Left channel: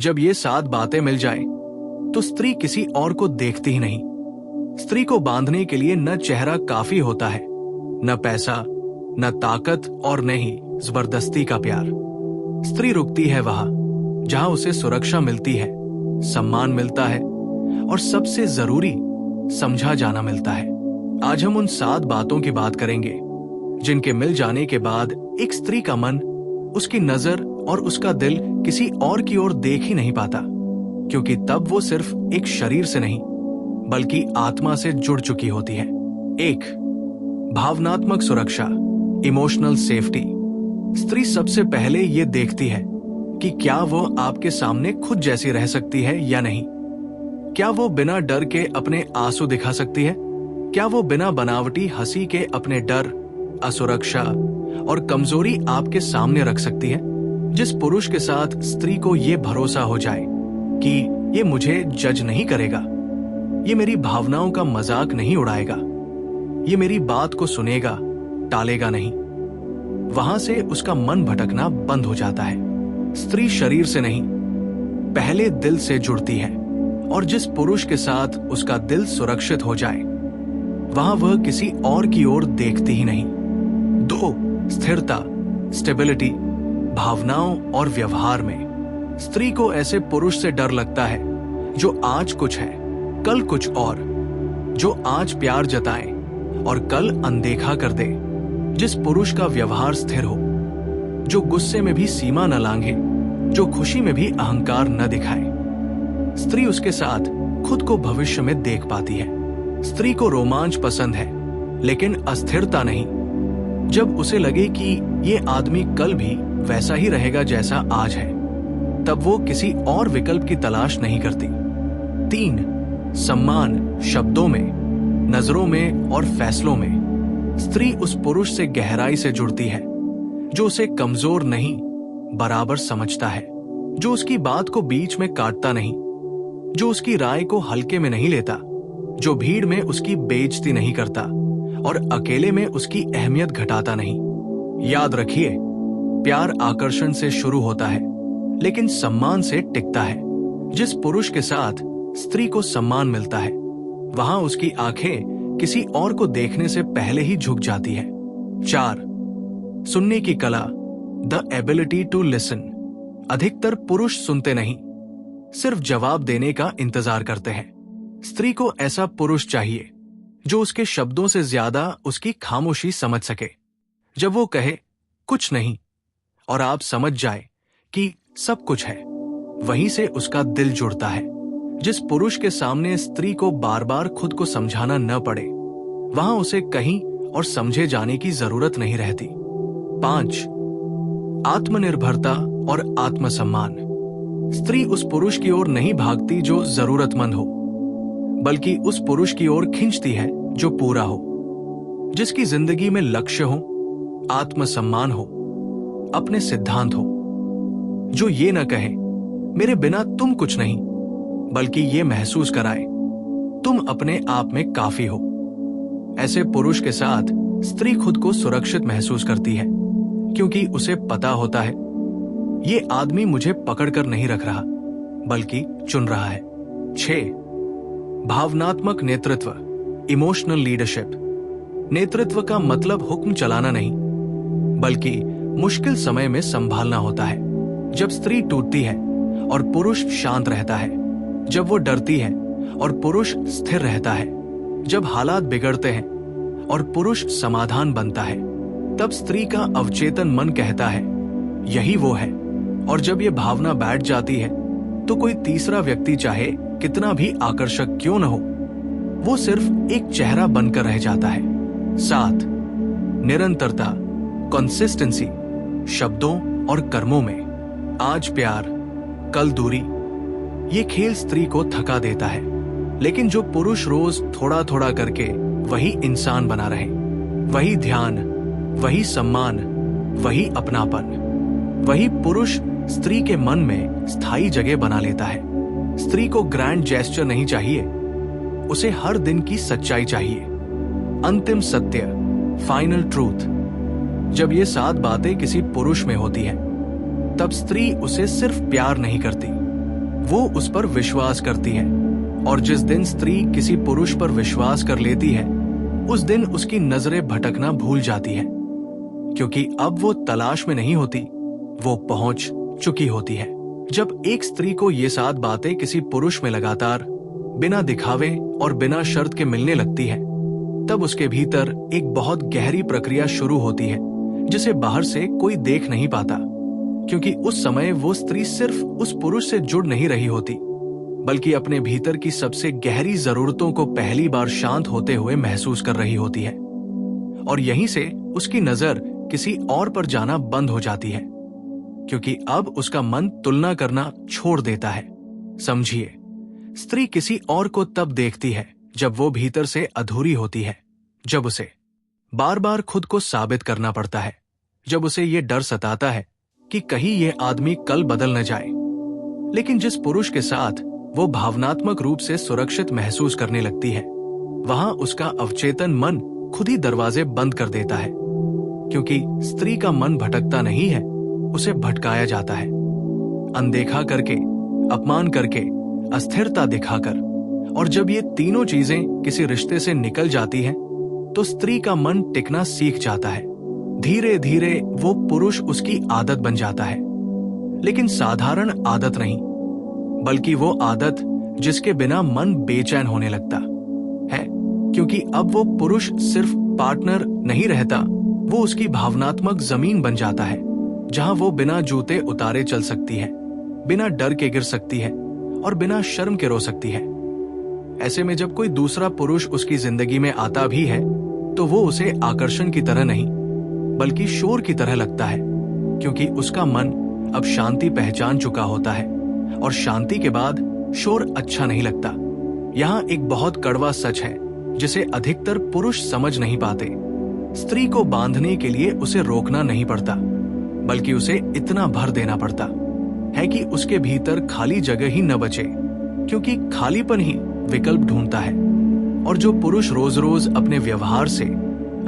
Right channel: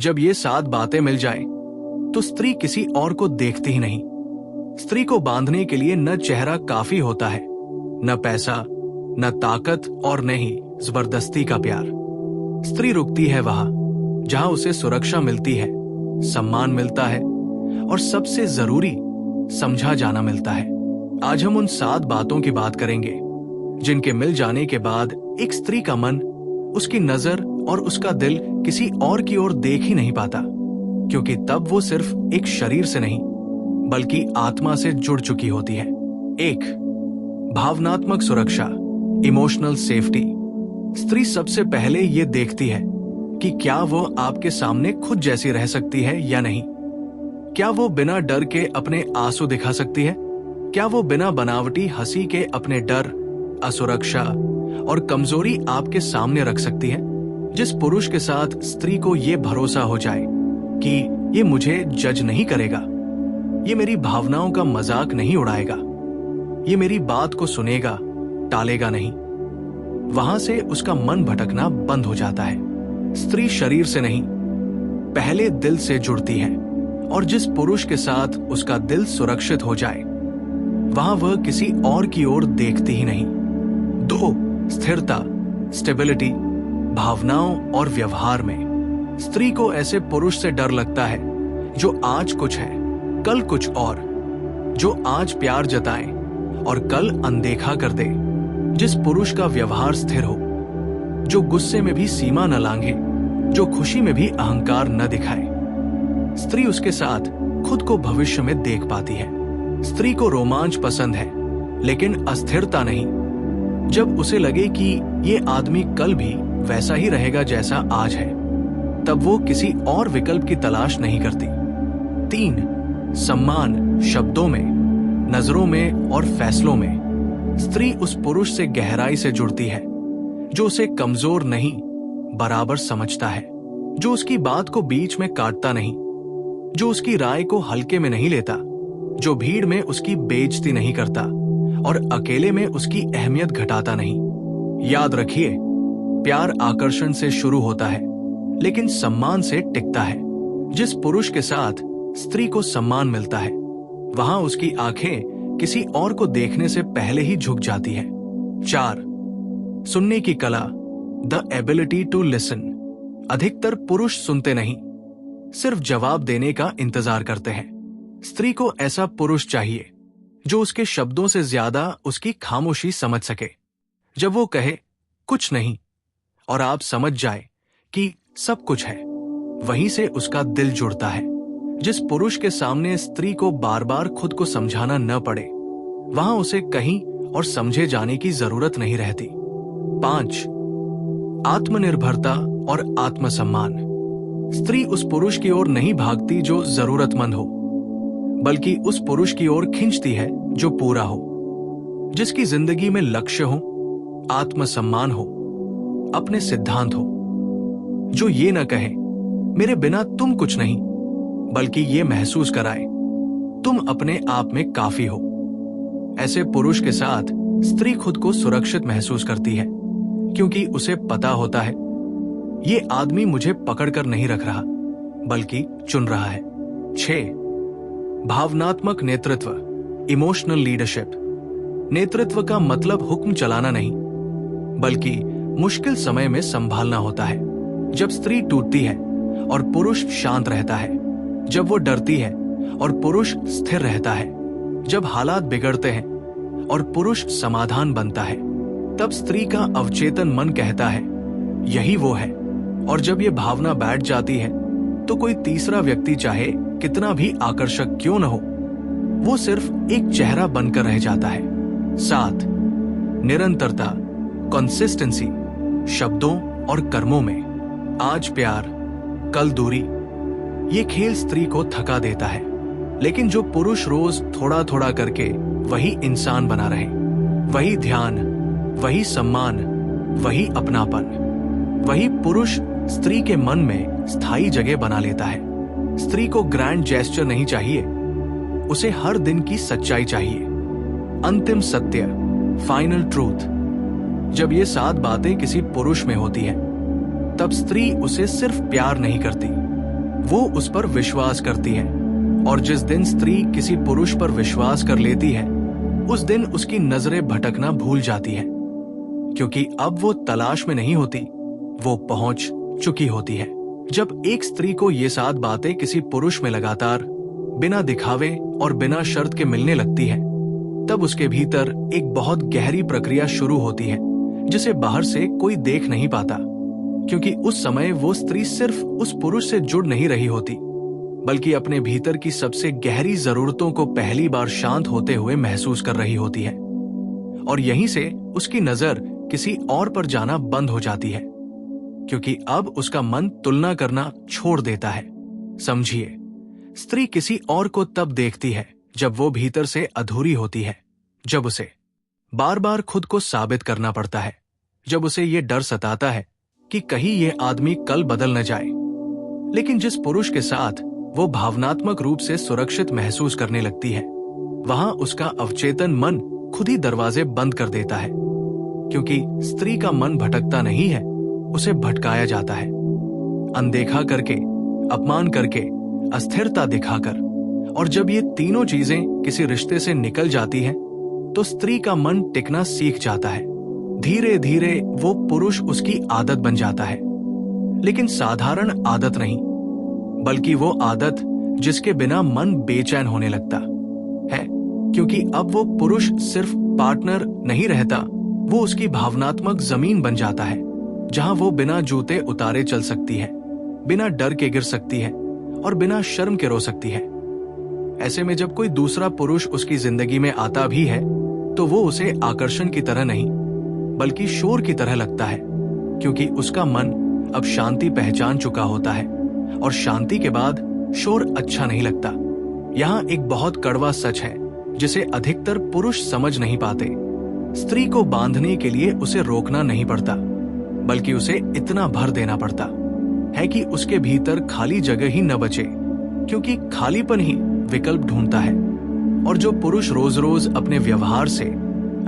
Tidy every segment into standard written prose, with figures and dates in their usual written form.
जब ये 7 बातें मिल जाएं, तो स्त्री किसी और को देखती ही नहीं। स्त्री को बांधने के लिए न चेहरा काफी होता है, न पैसा, न ताकत और न ही जबरदस्ती का प्यार। स्त्री रुकती है वहां जहां उसे सुरक्षा मिलती है, सम्मान मिलता है और सबसे जरूरी समझा जाना मिलता है। आज हम उन 7 बातों की बात करेंगे जिनके मिल जाने के बाद एक स्त्री का मन, उसकी नजर और उसका दिल किसी और की ओर देख ही नहीं पाता, क्योंकि तब वो सिर्फ एक शरीर से नहीं बल्कि आत्मा से जुड़ चुकी होती है। 1. भावनात्मक सुरक्षा, इमोशनल सेफ्टी। स्त्री सबसे पहले ये देखती है कि क्या वो आपके सामने खुद जैसी रह सकती है या नहीं। क्या वो बिना डर के अपने आंसू दिखा सकती है? क्या वो बिना बनावटी हंसी के अपने डर, असुरक्षा और कमजोरी आपके सामने रख सकती है? जिस पुरुष के साथ स्त्री को ये भरोसा हो जाए कि ये मुझे जज नहीं करेगा, ये मेरी भावनाओं का मजाक नहीं उड़ाएगा, ये मेरी बात को सुनेगा, टालेगा नहीं, वहां से उसका मन भटकना बंद हो जाता है। स्त्री शरीर से नहीं, पहले दिल से जुड़ती है, और जिस पुरुष के साथ उसका दिल सुरक्षित हो जाए, वहां वह किसी और की ओर देखती ही नहीं। 2. स्थिरता, स्टेबिलिटी। भावनाओं और व्यवहार में स्त्री को ऐसे पुरुष से डर लगता है जो आज कुछ है, कल कुछ और, जो आज प्यार जताए और कल अनदेखा कर दे। जिस पुरुष का व्यवहार स्थिर हो, जो गुस्से में भी सीमा न लांघे, जो खुशी में भी अहंकार न दिखाए। स्त्री उसके साथ खुद को भविष्य में देख पाती है। स्त्री को रोमांच पसंद है, लेकिन अस्थिरता नहीं। जब उसे लगे कि ये आदमी कल भी वैसा ही रहेगा जैसा आज है, तब वो किसी और विकल्प की तलाश नहीं करती। 3. सम्मान, शब्दों में, नजरों में और फैसलों में। स्त्री उस पुरुष से गहराई से जुड़ती है जो उसे कमजोर नहीं, बराबर समझता है, जो उसकी बात को बीच में काटता नहीं, जो उसकी राय को हल्के में नहीं लेता, जो भीड़ में उसकी बेइज्जती नहीं करता और अकेले में उसकी अहमियत घटाता नहीं। याद रखिए, प्यार आकर्षण से शुरू होता है, लेकिन सम्मान से टिकता है। जिस पुरुष के साथ स्त्री को सम्मान मिलता है, वहां उसकी आंखें किसी और को देखने से पहले ही झुक जाती है। 4. सुनने की कला, द एबिलिटी टू लिसन। अधिकतर पुरुष सुनते नहीं, सिर्फ जवाब देने का इंतजार करते हैं। स्त्री को ऐसा पुरुष चाहिए जो उसके शब्दों से ज्यादा उसकी खामोशी समझ सके। जब वो कहे कुछ नहीं और आप समझ जाए कि सब कुछ है, वहीं से उसका दिल जुड़ता है। जिस पुरुष के सामने स्त्री को बार बार खुद को समझाना न पड़े, वहां उसे कहीं और समझे जाने की जरूरत नहीं रहती। 5. आत्मनिर्भरता और आत्मसम्मान। स्त्री उस पुरुष की ओर नहीं भागती जो जरूरतमंद हो, बल्कि उस पुरुष की ओर खींचती है जो पूरा हो, जिसकी जिंदगी में लक्ष्य हो, आत्मसम्मान हो, अपने सिद्धांत हो, जो ये न कहे मेरे बिना तुम कुछ नहीं, बल्कि ये महसूस कराए तुम अपने आप में काफी हो। ऐसे पुरुष के साथ स्त्री खुद को सुरक्षित महसूस करती है, क्योंकि उसे पता होता है ये आदमी मुझे पकड़कर नहीं रख रहा, बल्कि चुन रहा है। 6. भावनात्मक नेतृत्व, इमोशनल लीडरशिप। नेतृत्व का मतलब हुक्म चलाना नहीं, बल्कि मुश्किल समय में संभालना होता है। जब स्त्री टूटती है और पुरुष शांत रहता है, जब वो डरती है और पुरुष स्थिर रहता है, जब हालात बिगड़ते हैं और पुरुष समाधान बनता है, तब स्त्री का अवचेतन मन कहता है यही वो है। और जब ये भावना बैठ जाती है, तो कोई तीसरा व्यक्ति चाहे कितना भी आकर्षक क्यों न हो, वो सिर्फ एक चेहरा बनकर रह जाता है। 7. निरंतरता, कंसिस्टेंसी। शब्दों और कर्मों में, आज प्यार कल दूरी, ये खेल स्त्री को थका देता है। लेकिन जो पुरुष रोज थोड़ा थोड़ा करके वही इंसान बना रहे, वही ध्यान, वही सम्मान, वही अपनापन, वही पुरुष स्त्री के मन में स्थायी जगह बना लेता है। स्त्री को ग्रैंड जेस्चर नहीं चाहिए, उसे हर दिन की सच्चाई चाहिए, अंतिम सत्य, फाइनल ट्रूथ। जब ये 7 बातें किसी पुरुष में होती हैं, तब स्त्री उसे सिर्फ प्यार नहीं करती, वो उस पर विश्वास करती है, और जिस दिन स्त्री किसी पुरुष पर विश्वास कर लेती है, उस दिन उसकी नजरें भटकना भूल जाती है, क्योंकि अब वो तलाश में नहीं होती, वो पहुंच चुकी होती है। जब एक स्त्री को ये 7 बातें किसी पुरुष में लगातार बिना दिखावे और बिना शर्त के मिलने लगती है, तब उसके भीतर एक बहुत गहरी प्रक्रिया शुरू होती है, जिसे बाहर से कोई देख नहीं पाता, क्योंकि उस समय वो स्त्री सिर्फ उस पुरुष से जुड़ नहीं रही होती, बल्कि अपने भीतर की सबसे गहरी जरूरतों को पहली बार शांत होते हुए महसूस कर रही होती है। और यहीं से उसकी नजर किसी और पर जाना बंद हो जाती है, क्योंकि अब उसका मन तुलना करना छोड़ देता है। समझिए, स्त्री किसी और को तब देखती है जब वो भीतर से अधूरी होती है, जब उसे बार बार खुद को साबित करना पड़ता है, जब उसे ये डर सताता है कि कहीं ये आदमी कल बदल न जाए। लेकिन जिस पुरुष के साथ वो भावनात्मक रूप से सुरक्षित महसूस करने लगती है, वहां उसका अवचेतन मन खुद ही दरवाजे बंद कर देता है, क्योंकि स्त्री का मन भटकता नहीं है, उसे भटकाया जाता है। अनदेखा करके, अपमान करके, अस्थिरता दिखाकर। और जब ये तीनों चीजें किसी रिश्ते से निकल जाती हैं, तो स्त्री का मन टिकना सीख जाता है। धीरे धीरे वो पुरुष उसकी आदत बन जाता है, लेकिन साधारण आदत नहीं, बल्कि वो आदत जिसके बिना मन बेचैन होने लगता है, क्योंकि अब वो पुरुष सिर्फ पार्टनर नहीं रहता, वो उसकी भावनात्मक जमीन बन जाता है, जहां वो बिना जूते उतारे चल सकती है, बिना डर के गिर सकती है और बिना शर्म के रो सकती है। ऐसे में जब कोई दूसरा पुरुष उसकी जिंदगी में आता भी है, तो वो उसे आकर्षण की तरह नहीं, बल्कि शोर की तरह लगता है, क्योंकि उसका मन अब शांति पहचान चुका होता है, और शांति के बाद शोर अच्छा नहीं लगता। यहाँ एक बहुत कड़वा सच है जिसे अधिकतर पुरुष समझ नहीं पाते। स्त्री को बांधने के लिए उसे रोकना नहीं पड़ता, बल्कि उसे इतना भर देना पड़ता है कि उसके भीतर खाली जगह ही न बचे, क्योंकि खालीपन ही विकल्प ढूंढता है। और जो पुरुष रोज रोज अपने व्यवहार से,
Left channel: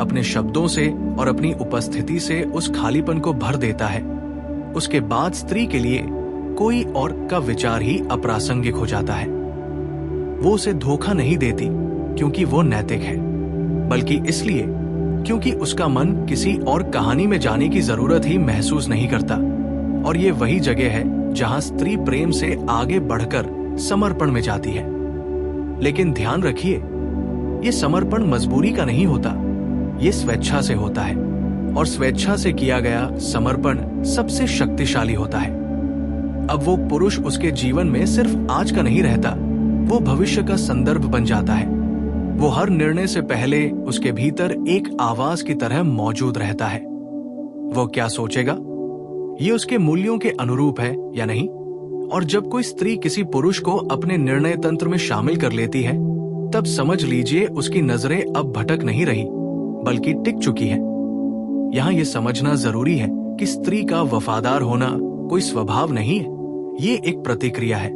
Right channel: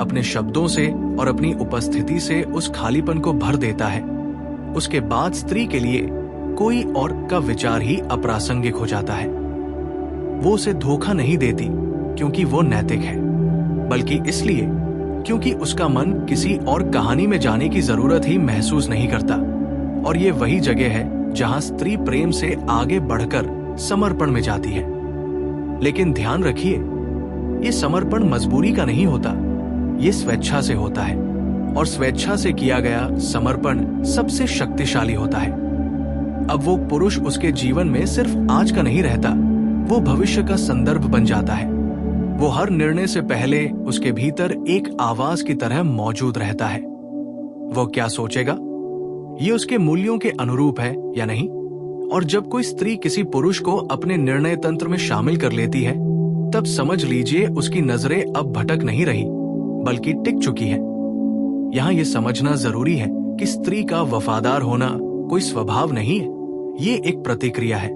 अपने शब्दों से और अपनी उपस्थिति से उस खालीपन को भर देता है, उसके बाद स्त्री के लिए कोई और का विचार ही अप्रासंगिक हो जाता है। वो उसे धोखा नहीं देती क्योंकि वो नैतिक है, बल्कि इसलिए क्योंकि उसका मन किसी और कहानी में जाने की जरूरत ही महसूस नहीं करता। और ये वही जगह है जहां स्त्री प्रेम से आगे बढ़कर समर्पण में जाती है। लेकिन ध्यान रखिए, ये समर्पण मजबूरी का नहीं होता, ये स्वेच्छा से होता है, और स्वेच्छा से किया गया समर्पण सबसे शक्तिशाली होता है। अब वो पुरुष उसके जीवन में सिर्फ आज का नहीं रहता, वो भविष्य का संदर्भ बन जाता है। वो हर निर्णय से पहले उसके भीतर एक आवाज की तरह मौजूद रहता है। वो क्या सोचेगा, ये उसके मूल्यों के अनुरूप है या नहीं। और जब कोई स्त्री किसी पुरुष को अपने निर्णय तंत्र में शामिल कर लेती है, तब समझ लीजिए उसकी नजरें अब भटक नहीं रही, बल्कि टिक चुकी है। यहाँ ये समझना जरूरी है कि स्त्री का वफादार होना कोई स्वभाव नहीं है, ये एक प्रतिक्रिया है।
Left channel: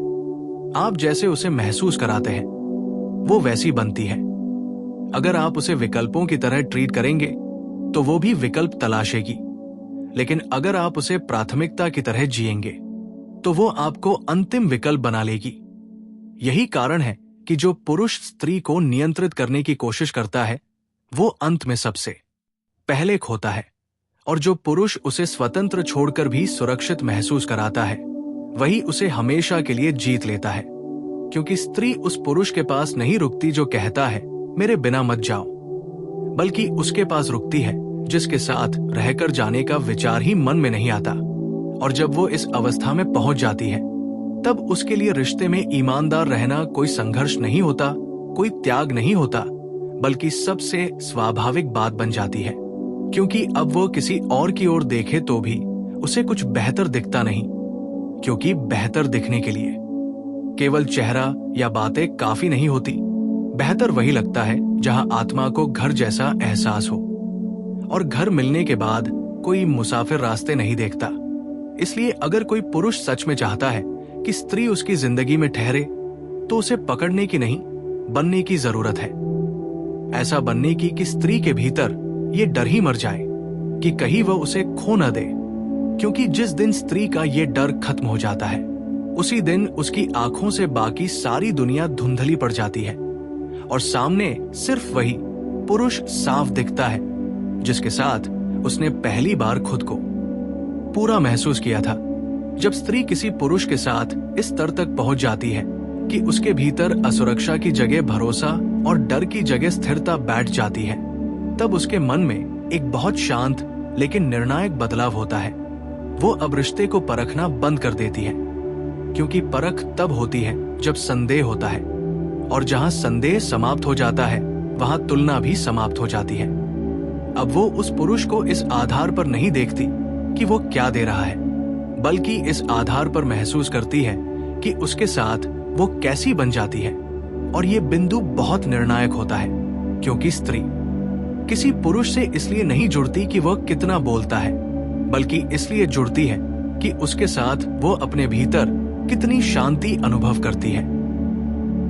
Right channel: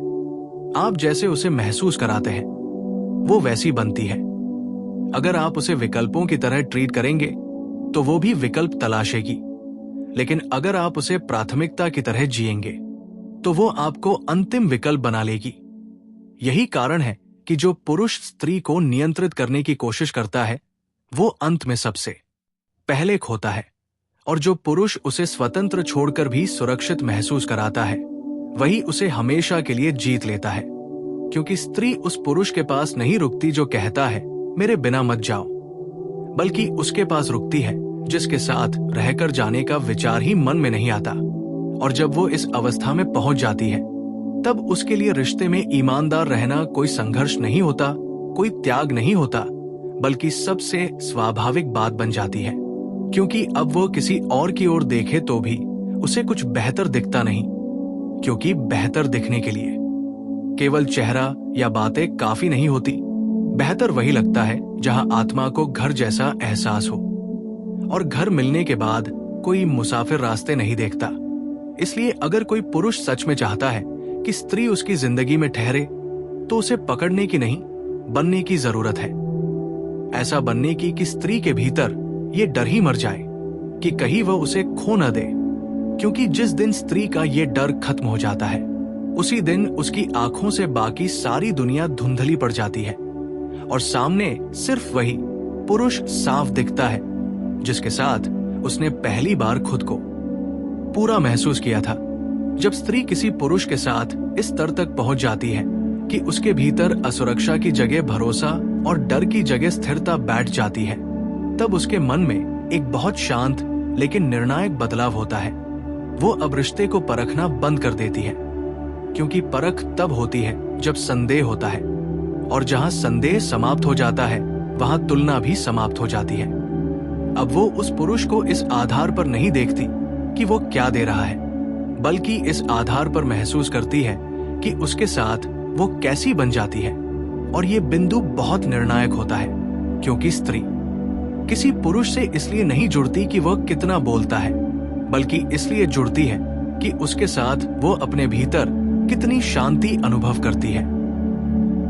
आप जैसे उसे महसूस कराते हैं, वो वैसी बनती है। अगर आप उसे विकल्पों की तरह ट्रीट करेंगे, तो वो भी विकल्प तलाशेगी। लेकिन अगर आप उसे प्राथमिकता की तरह जिएंगे, तो वो आपको अंतिम विकल्प बना लेगी। यही कारण है कि जो पुरुष स्त्री को नियंत्रित करने की कोशिश करता है, वो अंत में सबसे पहले खोता है। और जो पुरुष उसे स्वतंत्र छोड़कर भी सुरक्षित महसूस कराता है, वही उसे हमेशा के लिए जीत लेता है। क्योंकि स्त्री उस पुरुष के पास नहीं रुकती जो कहता है मेरे बिना मत जाओ, बल्कि उसके पास रुकती है जिसके साथ रहकर जाने का विचार ही मन में नहीं आता। और जब वो इस अवस्था में पहुंच जाती है, तब उसके लिए रिश्ते में ईमानदार रहना कोई संघर्ष नहीं होता, कोई त्याग नहीं होता, बल्कि सबसे स्वाभाविक बात बन जाती है। क्योंकि अब वो किसी और की ओर देखे तो भी उसे कुछ बेहतर दिखता नहीं, क्योंकि बेहतर दिखने के लिए केवल चेहरा या बातें काफी नहीं होती। बेहतर वही लगता है जहां आत्मा को घर जैसा एहसास हो। और घर मिलने के बाद कोई मुसाफिर रास्ते नहीं देखता। इसलिए अगर कोई पुरुष सच में चाहता है कि स्त्री उसकी जिंदगी में ठहरे, तो उसे पकड़ने की नहीं, बनने की जरूरत है। ऐसा बनने की कि स्त्री के भीतर ये डर ही मर जाए कि कहीं वह उसे खो न दे। क्योंकि जिस दिन स्त्री का ये डर खत्म हो जाता है, उसी दिन उसकी आंखों से बाकी सारी दुनिया धुंधली पड़ जाती है और सामने सिर्फ वही पुरुष साफ दिखता है जिसके साथ उसने पहली बार खुद को पूरा महसूस किया था। जब स्त्री किसी पुरुष के साथ इस स्तर तक पहुंच जाती है कि उसके भीतर असुरक्षा की जगह भरोसा और डर की जगह स्थिरता बैठ जाती है, तब उसके मन में एक बहुत शांत लेकिन निर्णायक बदलाव होता है। वो अब रिश्ते को परखना बंद कर देती है, क्योंकि परख तब होती है जब संदेह होता है, और जहां संदेह समाप्त हो जाता है वहां तुलना भी समाप्त हो जाती है। अब वो उस पुरुष को इस आधार पर नहीं देखती कि वो क्या दे रहा है, बल्कि इस आधार पर महसूस करती है कि उसके साथ वो कैसी बन जाती है। और ये बिंदु बहुत निर्णायक होता है, क्योंकि स्त्री किसी पुरुष से इसलिए नहीं जुड़ती कि वह कितना बोलता है, बल्कि इसलिए जुड़ती है कि उसके साथ वो अपने भीतर कितनी शांति अनुभव करती है।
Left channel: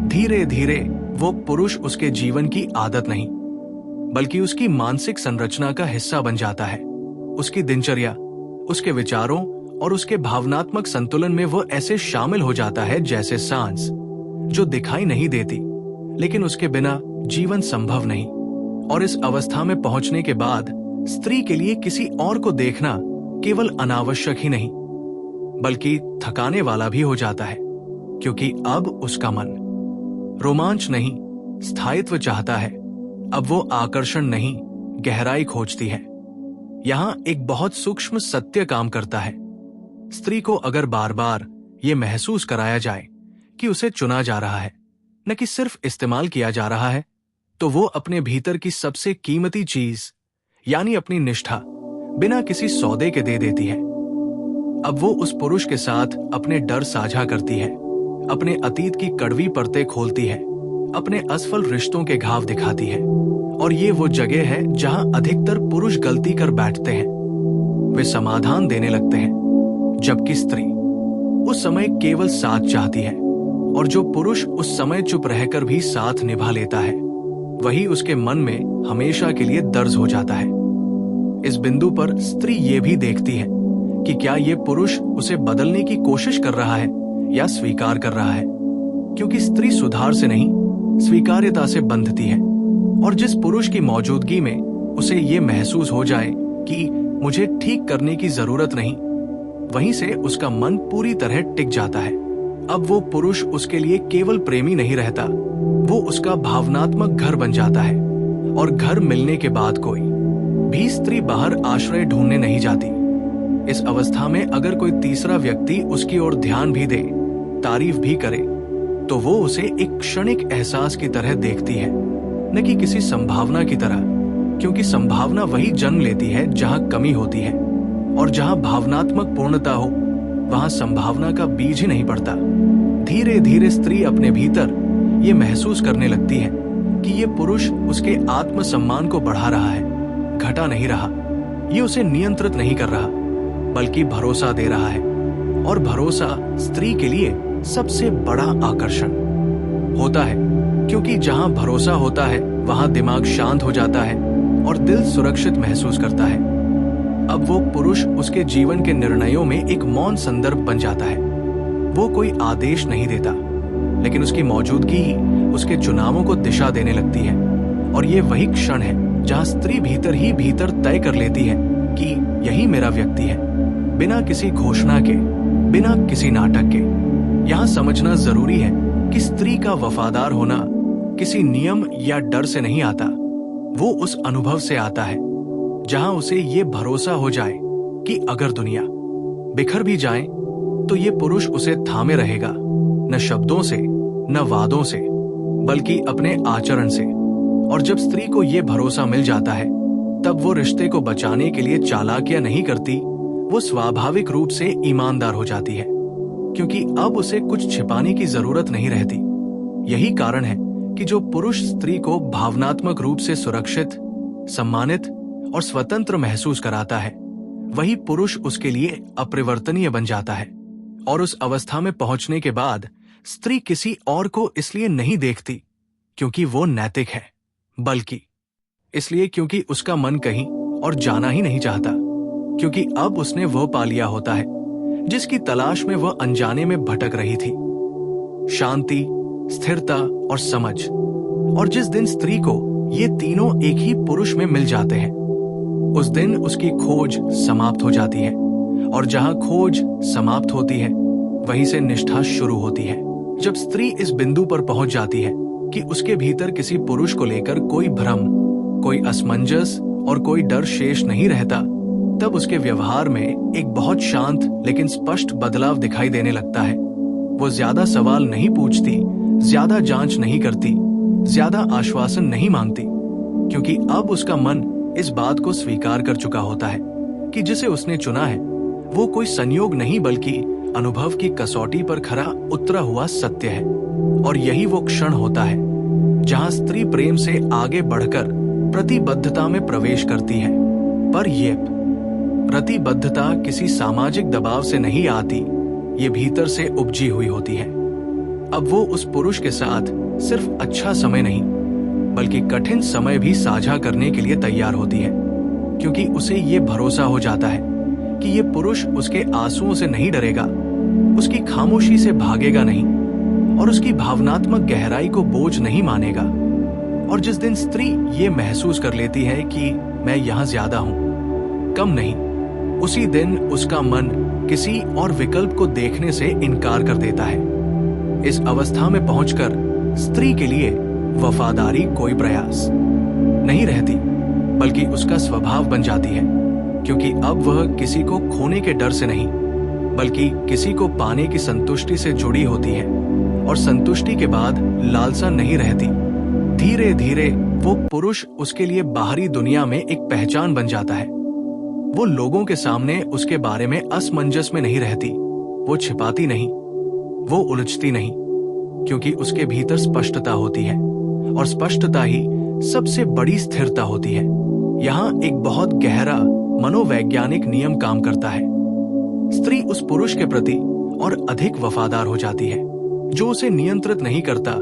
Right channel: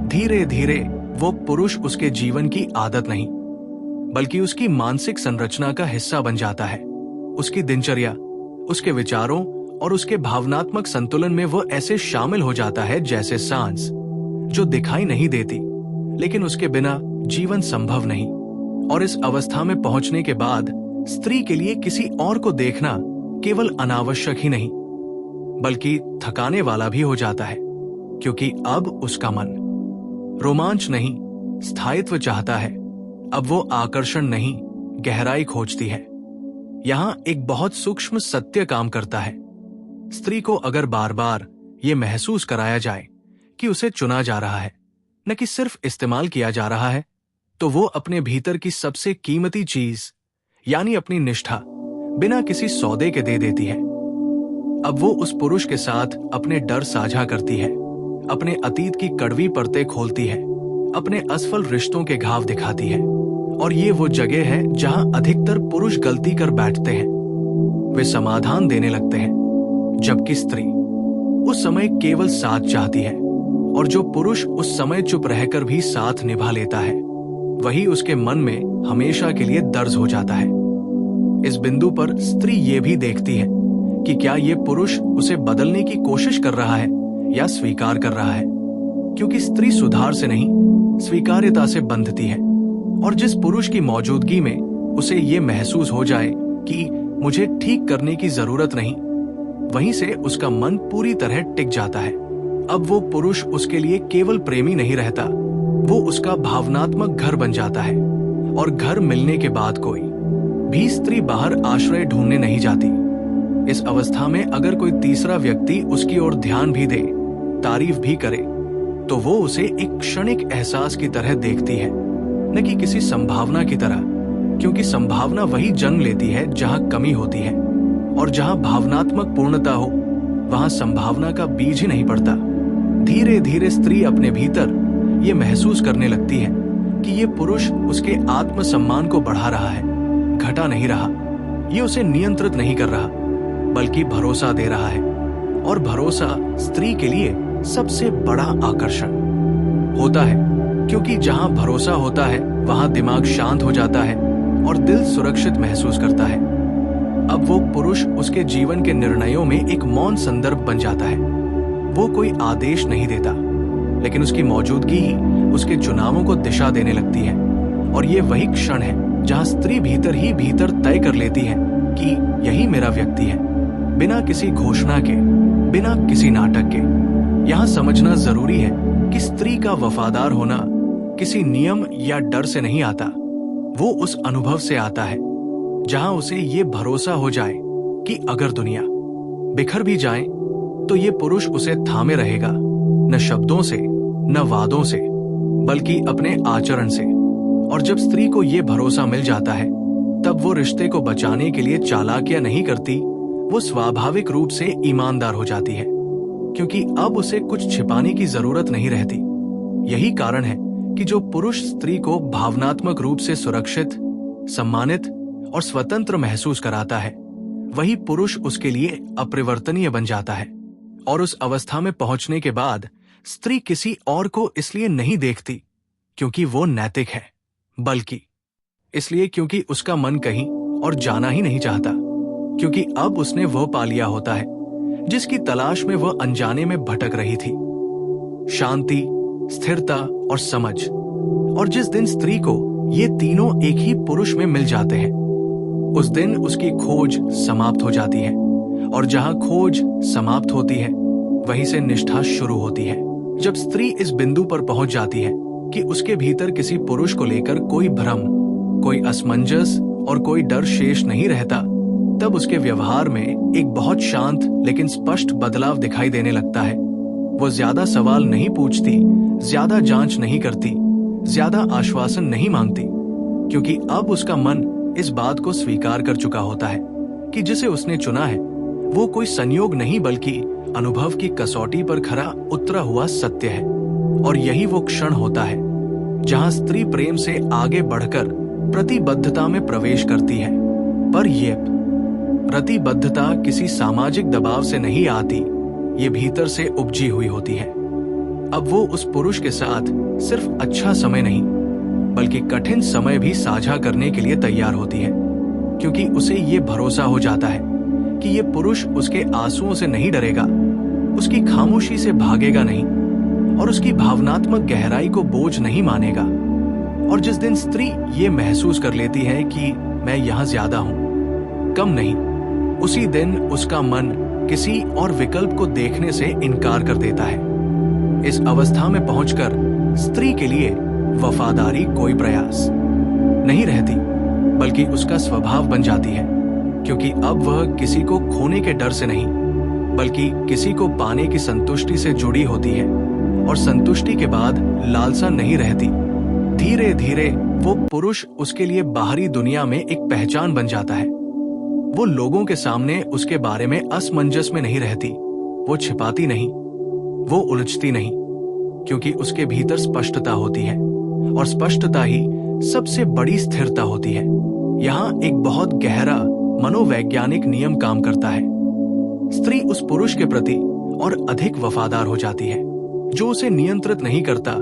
धीरे धीरे वो पुरुष उसके जीवन की आदत नहीं, बल्कि उसकी मानसिक संरचना का हिस्सा बन जाता है। उसकी दिनचर्या, उसके विचारों और उसके भावनात्मक संतुलन में वो ऐसे शामिल हो जाता है जैसे सांस, जो दिखाई नहीं देती लेकिन उसके बिना जीवन संभव नहीं। और इस अवस्था में पहुंचने के बाद स्त्री के लिए किसी और को देखना केवल अनावश्यक ही नहीं, बल्कि थकाने वाला भी हो जाता है, क्योंकि अब उसका मन रोमांच नहीं, स्थायित्व चाहता है। अब वो आकर्षण नहीं, गहराई खोजती है। यहां एक बहुत सूक्ष्म सत्य काम करता है। स्त्री को अगर बार बार ये महसूस कराया जाए कि उसे चुना जा रहा है, न कि सिर्फ इस्तेमाल किया जा रहा है, तो वो अपने भीतर की सबसे कीमती चीज यानी अपनी निष्ठा बिना किसी सौदे के दे देती है। अब वो उस पुरुष के साथ अपने डर साझा करती है, अपने अतीत की कड़वी परतें खोलती है, अपने असफल रिश्तों के घाव दिखाती है। और ये वो जगह है जहां अधिकतर पुरुष गलती कर बैठते हैं। वे समाधान देने लगते हैं, जबकि स्त्री उस समय केवल साथ चाहती है। और जो पुरुष उस समय चुप रहकर भी साथ निभा लेता है, वही उसके मन में हमेशा के लिए दर्ज हो जाता है। इस बिंदु पर स्त्री ये भी देखती है कि क्या ये पुरुष उसे बदलने की कोशिश कर रहा है या स्वीकार कर रहा है, क्योंकि स्त्री सुधार से नहीं, स्वीकार्यता से बंधती है। और जिस पुरुष की मौजूदगी में उसे ये महसूस हो जाए कि मुझे ठीक करने की जरूरत नहीं, वहीं से उसका मन पूरी तरह टिक जाता है। अब वो पुरुष उसके लिए केवल प्रेमी नहीं रहता, वो उसका भावनात्मक घर बन जाता है। और घर मिलने के बाद कोई भी स्त्री बाहर आश्रय ढूंढने नहीं जाती। इस अवस्था में अगर कोई तीसरा व्यक्ति उसकी ओर ध्यान भी दे, तारीफ भी करे, तो वो उसे एक क्षणिक एहसास की तरह देखती है, न कि किसी संभावना की तरह, क्योंकि संभावना वही जन्म लेती है जहां कमी होती है, और जहां भावनात्मक पूर्णता हो वहां संभावना का बीज ही नहीं पड़ता। धीरे धीरे स्त्री अपने भीतर ये महसूस करने लगती है कि ये पुरुष उसके आत्मसम्मान को बढ़ा रहा है, घटा नहीं रहा। ये उसे नियंत्रित नहीं कर रहा, बल्कि भरोसा दे रहा है। और भरोसा स्त्री के लिए सबसे बड़ा आकर्षण होता है, क्योंकि जहां भरोसा होता है वहां दिमाग शांत हो जाता है और दिल सुरक्षित महसूस करता है। अब वो पुरुष उसके जीवन के निर्णयों में एक मौन संदर्भ बन जाता है। वो कोई आदेश नहीं देता, लेकिन उसकी मौजूदगी ही उसके चुनावों को दिशा देने लगती है। और ये वही क्षण है जहां स्त्री भीतर ही भीतर तय कर लेती है कि यही मेरा व्यक्ति है, बिना किसी घोषणा के, बिना किसी नाटक के। यहां समझना जरूरी है कि स्त्री का वफादार होना किसी नियम या डर से नहीं आता, वो उस अनुभव से आता है जहां उसे ये भरोसा हो जाए कि अगर दुनिया बिखर भी जाए तो ये पुरुष उसे थामे रहेगा, न शब्दों से, न वादों से, बल्कि अपने आचरण से। और जब स्त्री को ये भरोसा मिल जाता है, तब वो रिश्ते को बचाने के लिए चालाकियां नहीं करती, वो स्वाभाविक रूप से ईमानदार हो जाती है, क्योंकि अब उसे कुछ छिपाने की जरूरत नहीं रहती। यही कारण है कि जो पुरुष स्त्री को भावनात्मक रूप से सुरक्षित, सम्मानित और स्वतंत्र महसूस कराता है, वही पुरुष उसके लिए अपरिवर्तनीय बन जाता है। और उस अवस्था में पहुंचने के बाद स्त्री किसी और को इसलिए नहीं देखती क्योंकि वो नैतिक है, बल्कि इसलिए क्योंकि उसका मन कहीं और जाना ही नहीं चाहता, क्योंकि अब उसने वो पा लिया होता है जिसकी तलाश में वह अनजाने में भटक रही थी। शांति, स्थिरता और समझ। और जिस दिन स्त्री को ये तीनों एक ही पुरुष में मिल जाते हैं, उस दिन उसकी खोज समाप्त हो जाती है। और जहां खोज समाप्त होती है, वहीं से निष्ठा शुरू होती है। जब स्त्री इस बिंदु पर पहुंच जाती है कि उसके भीतर किसी पुरुष को लेकर कोई भ्रम, कोई असमंजस और कोई डर शेष नहीं रहता, तब उसके व्यवहार में एक बहुत शांत लेकिन स्पष्ट बदलाव दिखाई देने लगता है। वो ज्यादा सवाल नहीं पूछती, ज्यादा जांच नहीं करती, ज्यादा आश्वासन नहीं मांगती, क्योंकि अब उसका मन इस बात को स्वीकार कर चुका होता है कि जिसे उसने चुना है वो कोई संयोग नहीं बल्कि अनुभव की कसौटी पर खरा उतरा हुआ सत्य है। और यही वो क्षण होता है जहां स्त्री प्रेम से आगे बढ़कर प्रतिबद्धता में प्रवेश करती है। पर ये प्रतिबद्धता किसी सामाजिक दबाव से नहीं आती, ये भीतर से उपजी हुई होती है। अब वो उस पुरुष के साथ सिर्फ अच्छा समय नहीं बल्कि कठिन समय भी साझा करने के लिए तैयार होती है, क्योंकि उसे ये भरोसा हो जाता है कि ये पुरुष उसके आंसुओं से नहीं डरेगा, उसकी खामोशी से भागेगा नहीं और उसकी भावनात्मक गहराई को बोझ नहीं मानेगा। और जिस दिन स्त्री ये महसूस कर लेती है कि मैं यहां ज्यादा हूं, कम नहीं, उसी दिन उसका मन किसी और विकल्प को देखने से इनकार कर देता है। इस अवस्था में पहुंचकर स्त्री के लिए वफादारी कोई प्रयास नहीं रहती, बल्कि उसका स्वभाव बन जाती है, क्योंकि अब वह किसी को खोने के डर से नहीं बल्कि किसी को पाने की संतुष्टि से जुड़ी होती है। और संतुष्टि के बाद लालसा नहीं रहती। धीरे धीरे वो पुरुष उसके लिए बाहरी दुनिया में एक पहचान बन जाता है। वो लोगों के सामने उसके बारे में असमंजस में नहीं रहती, वो छिपाती नहीं, वो उलझती नहीं, क्योंकि उसके भीतर स्पष्टता होती है और स्पष्टता ही सबसे बड़ी स्थिरता होती है। यहाँ एक बहुत गहरा मनोवैज्ञानिक नियम काम करता है। स्त्री उस पुरुष के प्रति और अधिक वफादार हो जाती है जो उसे नियंत्रित नहीं करता,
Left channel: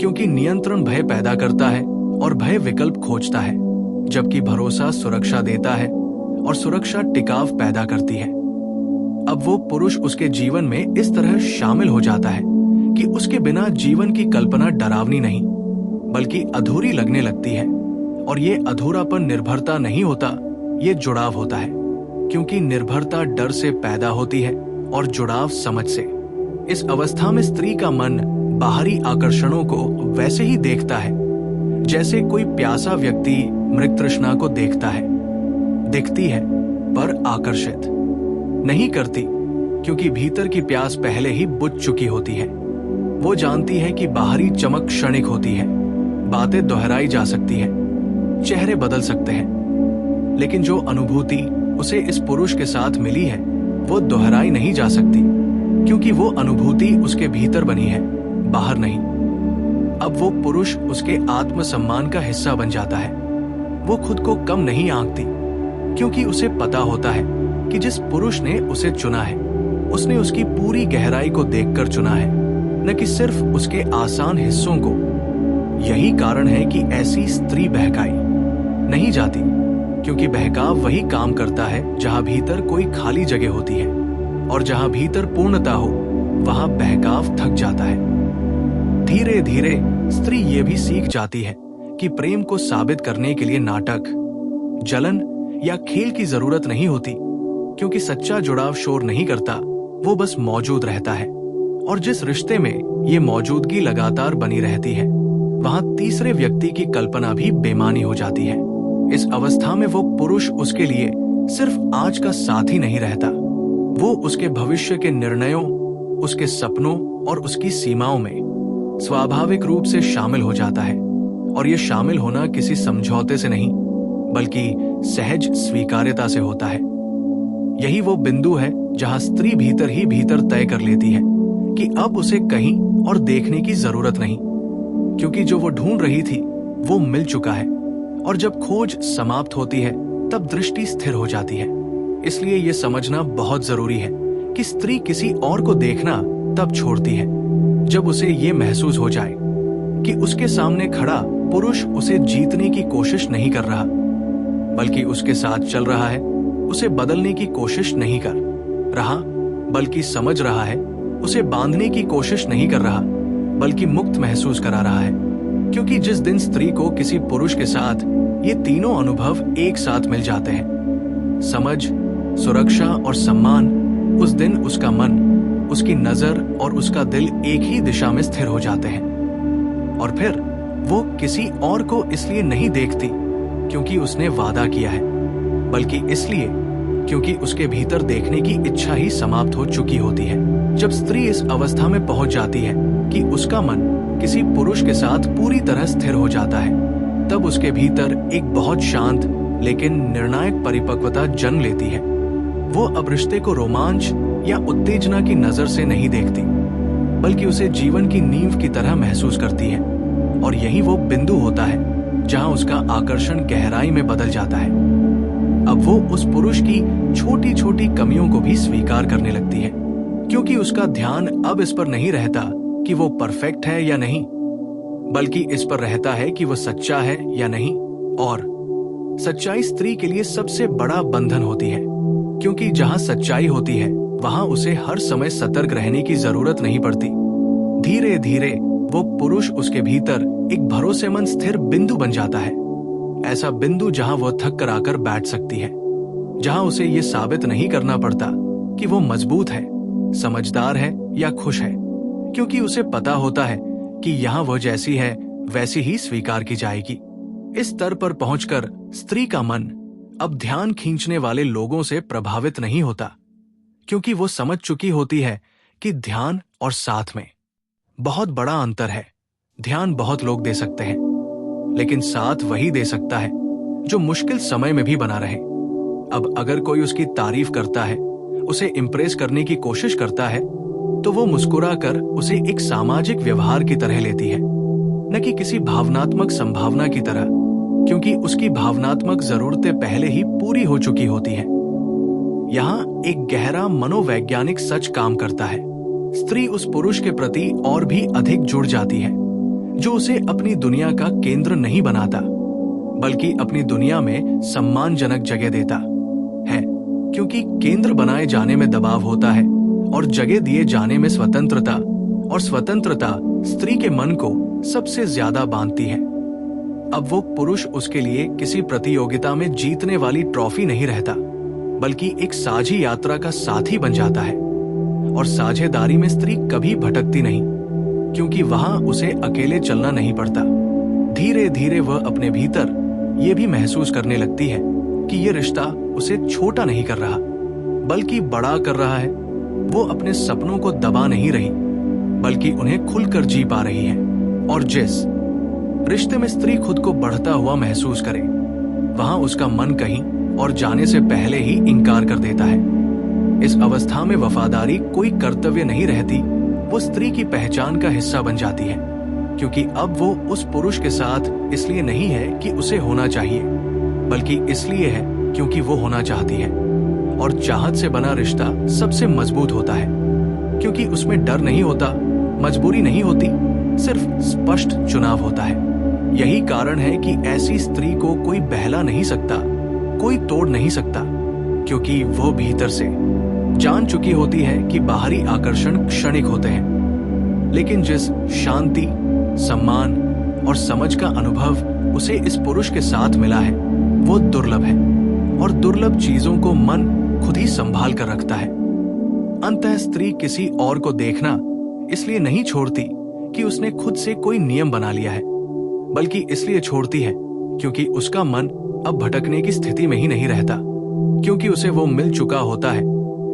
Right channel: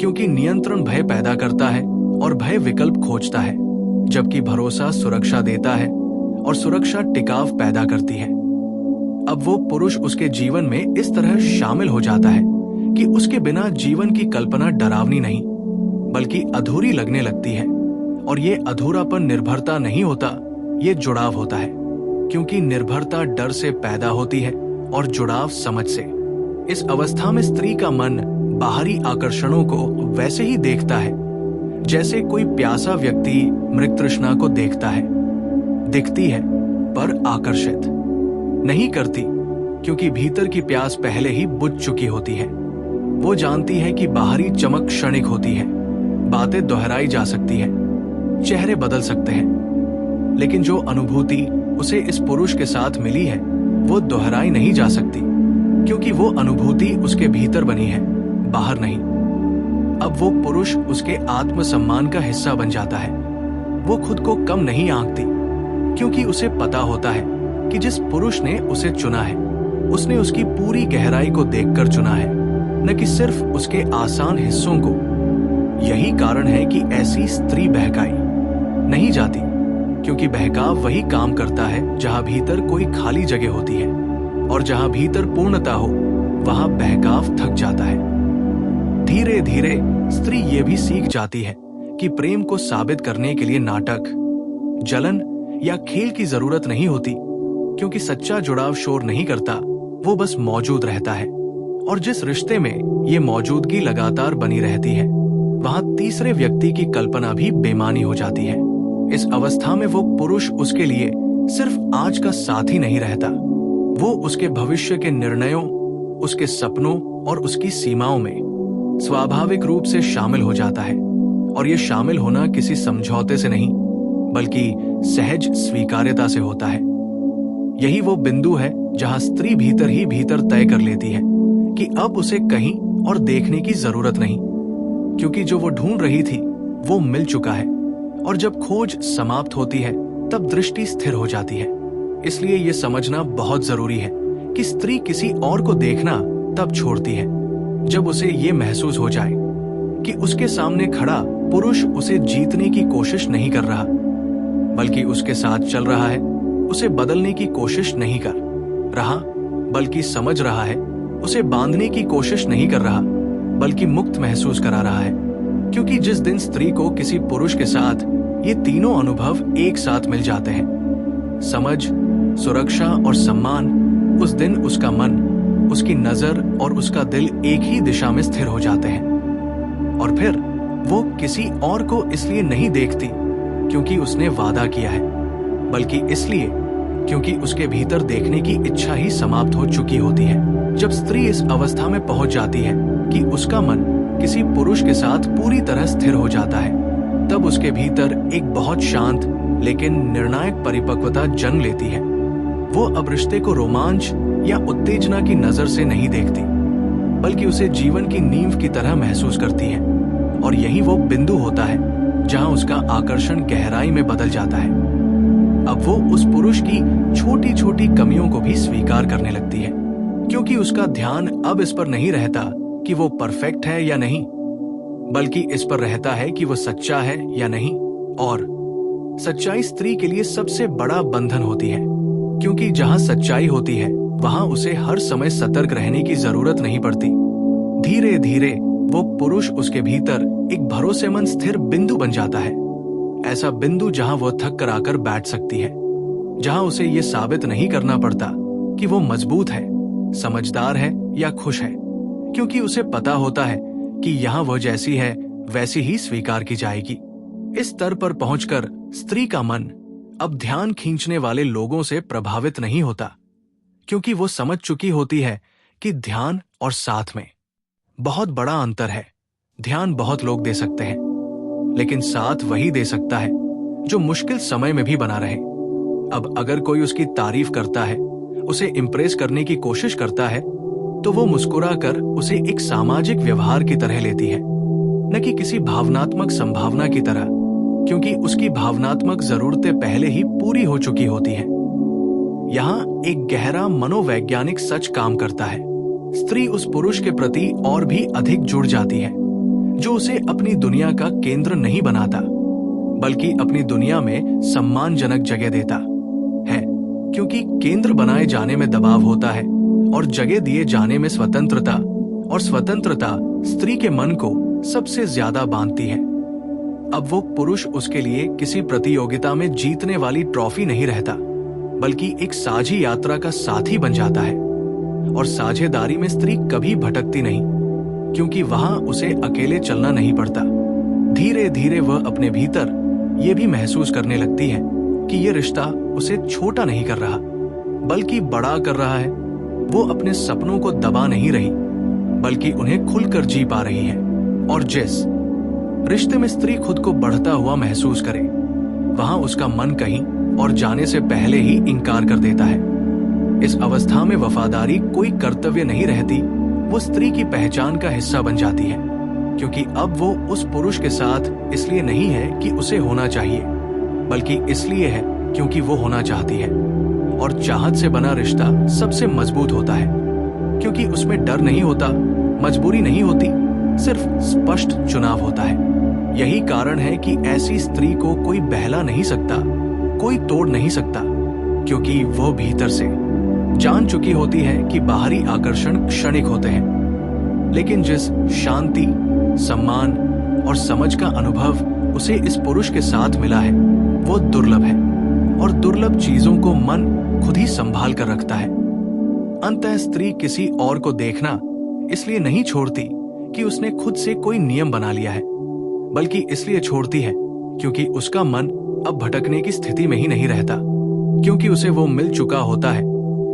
क्योंकि नियंत्रण भय पैदा करता है और भय विकल्प खोजता है, जबकि भरोसा सुरक्षा देता है और सुरक्षा टिकाव पैदा करती है। अब वो पुरुष उसके जीवन में इस तरह शामिल हो जाता है कि उसके बिना जीवन की कल्पना डरावनी नहीं बल्कि अधूरी लगने लगती है। और ये अधूरापन निर्भरता नहीं होता, ये जुड़ाव होता है, क्योंकि निर्भरता डर से पैदा होती है और जुड़ाव समझ से। इस अवस्था में स्त्री का मन बाहरी आकर्षणों को वैसे ही देखता है जैसे कोई प्यासा व्यक्ति मृग तृष्णा को देखता है। दिखती है पर आकर्षित नहीं करती, क्योंकि भीतर की प्यास पहले ही बुझ चुकी होती है। वो जानती है कि बाहरी चमक क्षणिक होती है, बातें दोहराई जा सकती है, चेहरे बदल सकते हैं, लेकिन जो अनुभूति उसे इस पुरुष के साथ मिली है वो दोहराई नहीं जा सकती, क्योंकि वो अनुभूति उसके भीतर बनी है, बाहर नहीं। अब वो पुरुष उसके आत्मसम्मान का हिस्सा बन जाता है। वो खुद को कम नहीं आंकती, क्योंकि उसे पता होता है कि जिस पुरुष ने उसे चुना है उसने उसकी पूरी गहराई को देखकर चुना है, न कि सिर्फ उसके आसान हिस्सों को। यही कारण है कि ऐसी स्त्री बहकाई नहीं जाती, क्योंकि बहकाव वही काम करता है जहां भीतर कोई खाली जगह होती है, और जहां भीतर पूर्णता हो वहां बहकाव थक जाता है। धीरे धीरे स्त्री ये भी सीख जाती है कि प्रेम को साबित करने के लिए नाटक, जलन या खेल की जरूरत नहीं होती, क्योंकि सच्चा जुड़ाव शोर नहीं करता, वो बस मौजूद रहता है। और जिस रिश्ते में ये मौजूदगी लगातार बनी रहती है, वहां तीसरे व्यक्ति की कल्पना भी बेमानी हो जाती है। इस अवस्था में वो पुरुष उसके लिए सिर्फ आज का साथी नहीं रहता, वो उसके भविष्य के निर्णयों, उसके सपनों और उसकी सीमाओं में स्वाभाविक रूप से शामिल हो जाता है। और ये शामिल होना किसी समझौते से नहीं बल्कि सहज स्वीकार्यता से होता है। यही वो बिंदु है जहां स्त्री भीतर ही भीतर तय कर लेती है कि अब उसे कहीं और देखने की जरूरत नहीं, क्योंकि जो वो ढूंढ रही थी वो मिल चुका है। और जब खोज समाप्त होती है तब दृष्टि स्थिर हो जाती है। इसलिए ये समझना बहुत जरूरी है कि स्त्री किसी और को देखना तब छोड़ती है जब उसे ये महसूस हो जाए कि उसके सामने खड़ा पुरुष उसे जीतने की कोशिश नहीं कर रहा, बल्कि उसके साथ चल रहा है, उसे बदलने की कोशिश नहीं कर रहा, बल्कि समझ रहा है, उसे बांधने की कोशिश नहीं कर रहा, बल्कि मुक्त महसूस करा रहा है। क्योंकि जिस दिन स्त्री को किसी पुरुष के साथ ये तीनों अनुभव एक साथ मिल जाते हैं, समझ, सुरक्षा और सम्मान, उस दिन उसका मन, उसकी नजर और उसका दिल एक ही दिशा में स्थिर हो जाते हैं। और फिर वो किसी और को इसलिए नहीं देखती क्योंकि उसने वादा किया है, बल्कि इसलिए क्योंकि उसके भीतर देखने की इच्छा ही समाप्त हो चुकी होती है। जब स्त्री इस अवस्था में पहुंच जाती है कि उसका मन किसी पुरुष के साथ पूरी तरह स्थिर हो जाता है, तब उसके भीतर एक बहुत शांत लेकिन निर्णायक परिपक्वता जन्म लेती है। वो अब रिश्ते को रोमांच या उत्तेजना की नजर से नहीं देखती, बल्कि उसे जीवन की नींव की तरह महसूस करती है। और यही वो बिंदु होता है जहां उसका आकर्षण गहराई में बदल जाता है। अब वो उस पुरुष की छोटी छोटी कमियों को भी स्वीकार करने लगती है, क्योंकि उसका ध्यान अब इस पर नहीं रहता कि वो परफेक्ट है या नहीं, बल्कि इस पर रहता है कि वो सच्चा है या नहीं। और सच्चाई स्त्री के लिए सबसे बड़ा बंधन होती है, क्योंकि जहां सच्चाई होती है वहां उसे हर समय सतर्क रहने की जरूरत नहीं पड़ती। धीरे धीरे वो पुरुष उसके भीतर एक भरोसेमंद स्थिर बिंदु बन जाता है। ऐसा बिंदु जहां वो थक कर आकर बैठ सकती है, जहां उसे ये साबित नहीं करना पड़ता कि वो मजबूत है, समझदार है या खुश है, क्योंकि उसे पता होता है कि यहां वह जैसी है वैसी ही स्वीकार की जाएगी। इस स्तर पर पहुंचकर स्त्री का मन अब ध्यान खींचने वाले लोगों से प्रभावित नहीं होता, क्योंकि वो समझ चुकी होती है कि ध्यान और साथ में बहुत बड़ा अंतर है। ध्यान बहुत लोग दे सकते हैं, लेकिन साथ वही दे सकता है जो मुश्किल समय में भी बना रहे। अब अगर कोई उसकी तारीफ करता है, उसे इंप्रेस करने की कोशिश करता है, तो वो मुस्कुराकर उसे एक सामाजिक व्यवहार की तरह लेती है, न कि किसी भावनात्मक संभावना की तरह, क्योंकि उसकी भावनात्मक जरूरतें पहले ही पूरी हो चुकी होती हैं। यहाँ एक गहरा मनोवैज्ञानिक सच काम करता है। स्त्री उस पुरुष के प्रति और भी अधिक जुड़ जाती है, जो उसे अपनी दुनिया का केंद्र नहीं बनाता, बल्कि अपनी दुनिया में सम्मानजनक जगह देता है, क्योंकि केंद्र बनाए जाने में दबाव होता है और जगह दिए जाने में स्वतंत्रता, और स्वतंत्रता स्त्री के मन को सबसे ज्यादा बांधती है। अब वो पुरुष उसके लिए किसी प्रतियोगिता में जीतने वाली ट्रॉफी नहीं रहता, बल्कि एक साझी यात्रा का साथी बन जाता है। और साझेदारी में स्त्री कभी भटकती नहीं, क्योंकि वहां उसे अकेले चलना नहीं पड़ता। धीरे धीरे वह अपने भीतर ये भी महसूस करने लगती है कि ये रिश्ता उसे छोटा नहीं कर रहा, बल्कि बड़ा कर रहा है। वो अपने सपनों को दबा नहीं रही, बल्कि उन्हें खुलकर जी पा रही है। और जिस रिश्ते में स्त्री खुद को बढ़ता हुआ महसूस करे, वहां उसका मन कहीं और जाने से पहले ही इनकार कर देता है। इस अवस्था में वफादारी कोई कर्तव्य नहीं रहती, वो स्त्री की पहचान का हिस्सा बन जाती है, क्योंकि अब वो उस पुरुष के साथ इसलिए नहीं है कि उसे होना चाहिए, बल्कि इसलिए है क्योंकि वो होना चाहती है। और चाहत से बना रिश्ता सबसे मजबूत होता है, क्योंकि उसमें डर नहीं होता, मजबूरी नहीं होती, सिर्फ स्पष्ट चुनाव होता है। यही कारण है कि ऐसी स्त्री को कोई बहला नहीं सकता, कोई तोड़ नहीं सकता, क्योंकि वो भीतर से जान चुकी होती है कि बाहरी आकर्षण क्षणिक होते हैं, लेकिन जिस शांति, सम्मान और समझ का अनुभव उसे इस पुरुष के साथ मिला है, वो दुर्लभ है। और दुर्लभ चीजों को मन खुद ही संभाल कर रखता है। अंततः स्त्री किसी और को देखना इसलिए नहीं छोड़ती कि उसने खुद से कोई नियम बना लिया है, बल्कि इसलिए छोड़ती है क्योंकि उसका मन अब भटकने की स्थिति में ही नहीं रहता, क्योंकि उसे वो मिल चुका होता है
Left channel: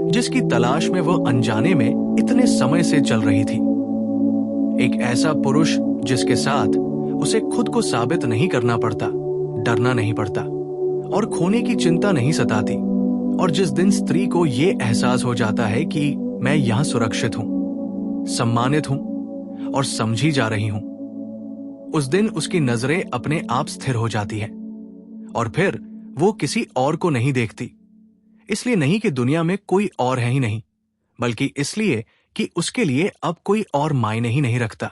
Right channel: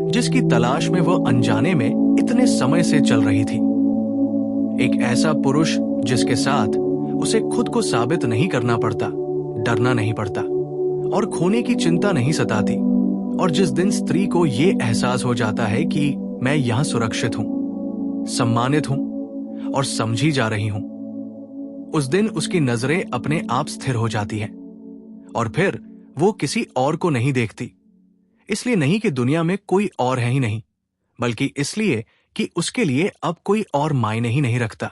जिसकी तलाश में वो अनजाने में इतने समय से चल रही थी। एक ऐसा पुरुष जिसके साथ उसे खुद को साबित नहीं करना पड़ता, डरना नहीं पड़ता और खोने की चिंता नहीं सताती। और जिस दिन स्त्री को ये एहसास हो जाता है कि मैं यहां सुरक्षित हूं, सम्मानित हूं और समझी जा रही हूं, उस दिन उसकी नजरें अपने आप स्थिर हो जाती है। और फिर वो किसी और को नहीं देखती, इसलिए नहीं कि दुनिया में कोई और है ही नहीं, बल्कि इसलिए कि उसके लिए अब कोई और मायने ही नहीं रखता।